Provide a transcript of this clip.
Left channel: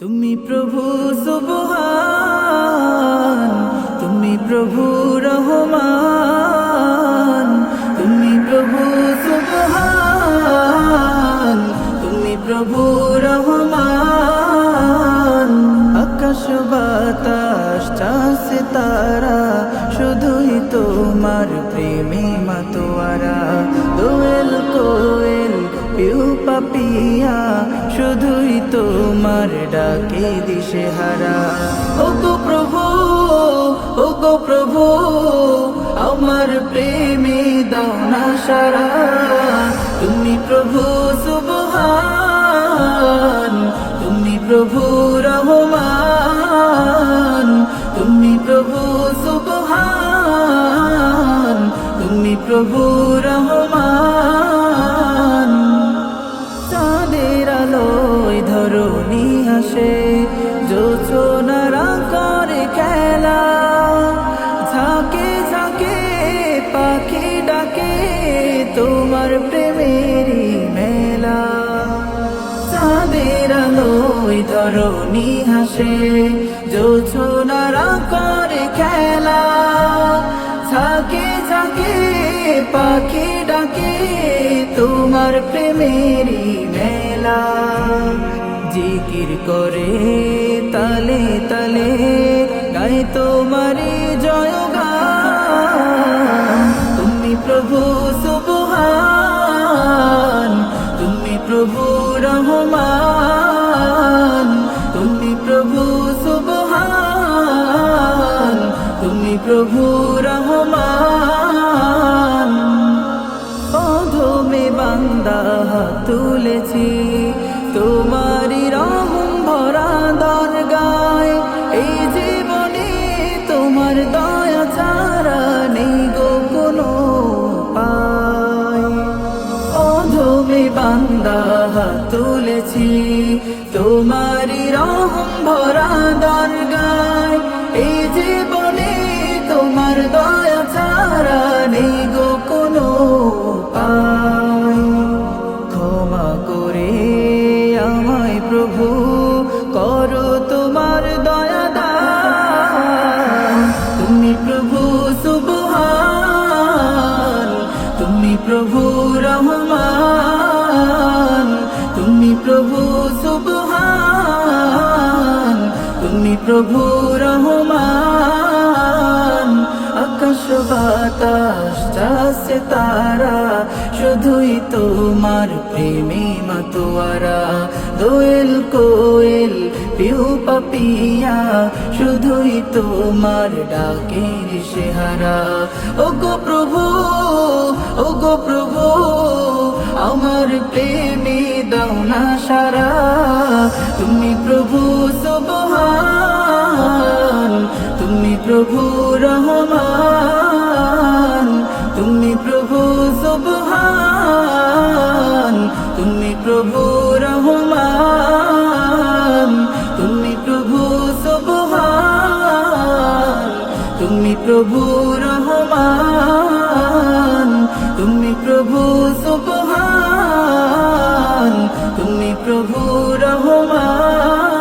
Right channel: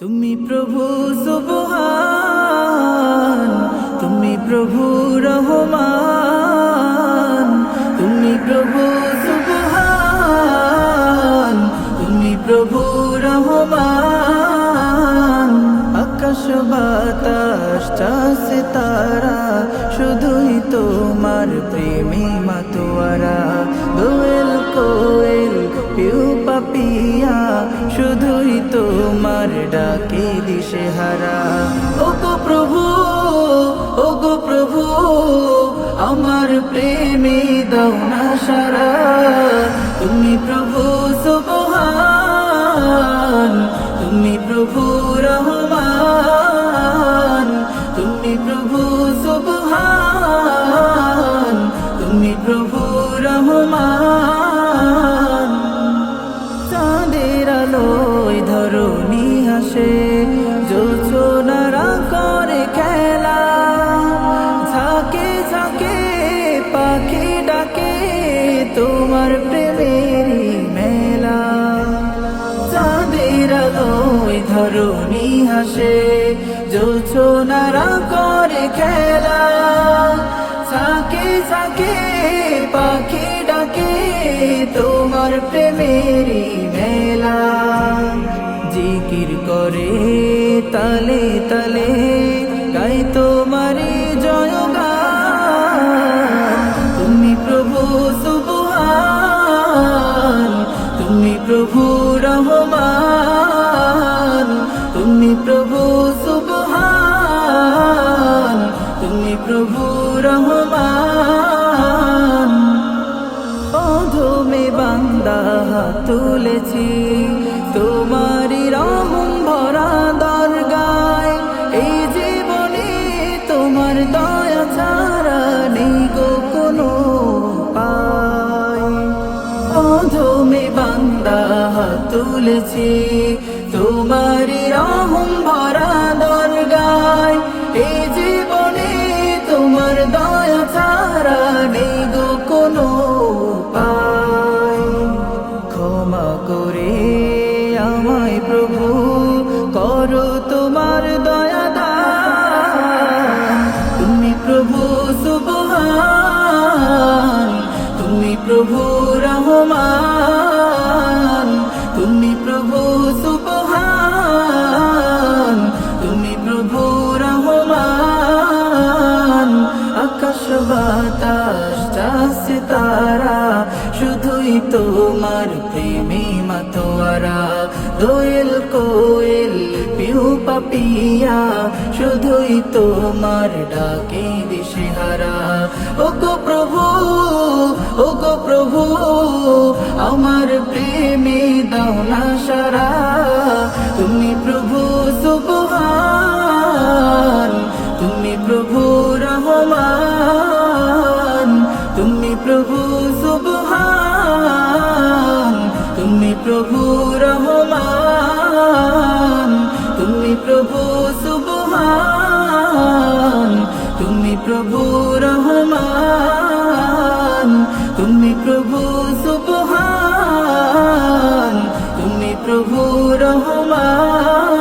তুমি প্রভু সুবহান, তুমি প্রভু রহমান, তুমি প্রভু সুবহান, তুমি প্রভু রহমান। আকাশ বাতাস চাঁদ তারা শুধুই তোমার প্রেমে মাতোয়ারা। দোয়েল কোয়েল পিউ পাপিয়া শুধুই তোমার ডাকে দিশেহারা। ওগো প্রভু, ওগো প্রভু, আমার প্রেমে দাও না সারা। তুমি প্রভু সুবহান, তুমি প্রভু রহমান, তুমি প্রভু সুবহান, তুমি প্রভু রহমান। চাঁদের আলোয় ধরণী হাসে, জোছনারা করে খেলা, ঝাঁকে ঝাঁকে পাখি ডাকে তোমার প্রেমেরই মেলা। চাঁদের আলোয় ধরণী হাসে, জোছনারা করে খেলা, ঝাঁকে ঝাঁকে পাখি ডাকে তোমার প্রেমেরই মেলা। জিকির করে তালে তালে গায় তোমারি জয়গান। তুমি প্রভু সুবহান, তুমি প্রভু রহমান, তুমি প্রভু সুবহান, তুমি প্রভু রহমান। অধমে বান্দা হাত তুলেছি তোমারি রহম ভরা দরগায়। এই জীবনে তোমার দয়া ছাড়া নেই গো কোনো উপায়। অধমে বান্দা হাত তুলেছি তোমারি রহম ভরা দরগায়। এই জীবনে তোমার দয়া ছাড়া নেই গো কোনো উপায়। ক্ষমা করে আমায় প্রভু করো তোমার দয়া দান। তুমি প্রভু সুবহান, তুমি প্রভু রহমান, তুমি প্রভু সুবহান, তুমি প্রভু রহমান। আকাশ বাতাস চাঁদ তারা শুধুই তোমার প্রেমে মাতোয়ারা। দোয়েল কোয়েল পিউ পাপিয়া শুধুই তোমার ডাকে দিশেহারা। ওগো প্রভু, ওগো প্রভু, আমার প্রেমে দাও না সারা। তুমি প্রভু সুবহান, তুমি প্রভু রহমান, তুমি প্রভু সুবহান, তুমি প্রভু রহমান, তুমি প্রভু সুবহান, তুমি প্রভু রহমান, তুমি প্রভু সুবহান, তুমি প্রভু রহমান।